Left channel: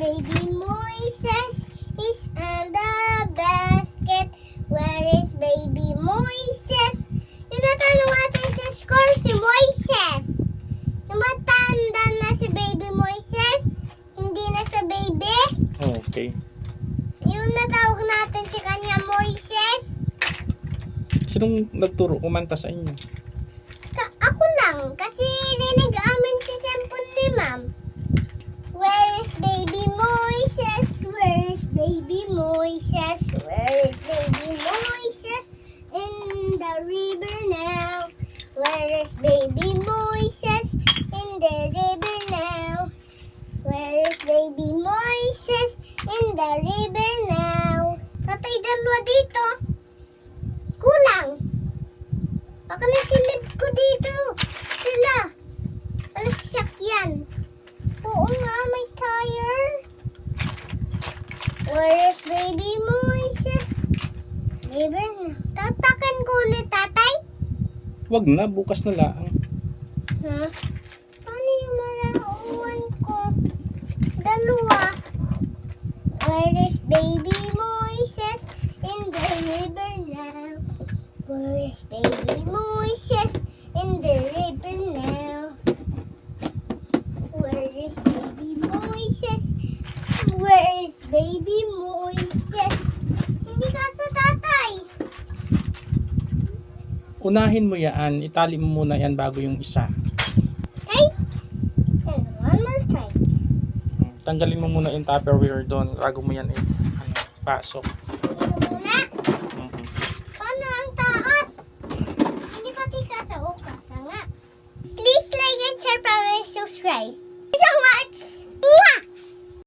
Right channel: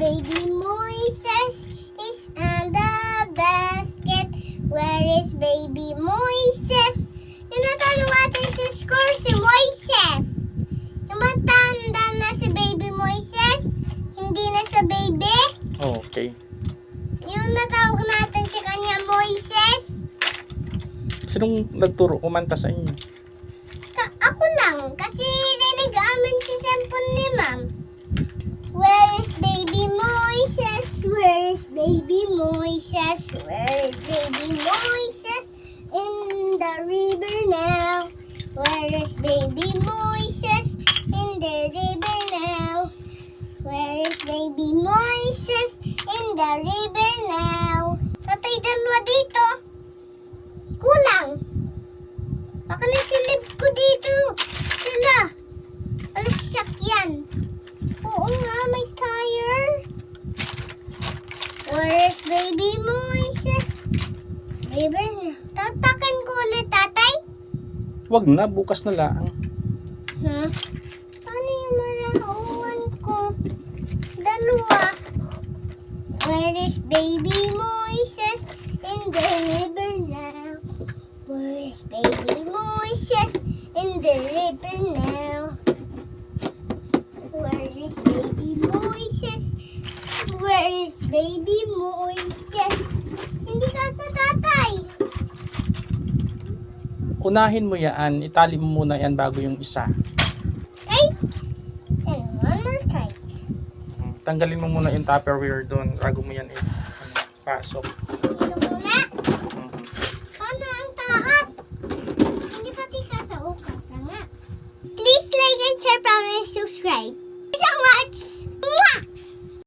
baby Moises? He's on the basket. Where is baby Moises? Yung natanong natin sa score si Moises. Yung matanda na si baby Moises, hindi na sa baby. Okay. Yung natawag natin sa kanya Moises. Sinong nagturo kumanta sa inyo? Baby Moises? Where is baby Moises? In the river now. Where is baby Moises? In the river now. Where is baby Moises? In the river now. Tatay dalawa dito. Kulang. Baka ko Where is baby Moises? Libre na. Tatakan ko ulit, tatay? Wag na, bukas na lang. Ha? Paano yung marauwan ko? Dalawa. Where is baby Moises? In the river now. Where is baby Moises? In the river now. Where is baby Moises? Where is baby Moises? Hindi ka sa tatay. Unahin mo yan, itali mo muna yan bago yung isa. Ay! And one more try. Tanggalin mo muna yung tupperware doon bago mo yan ano, pasok. Dito muna. Paano ang taas? Hindi pati ka sa ukas, nga. Please like and share, comment, subscribe. So much! Mwah!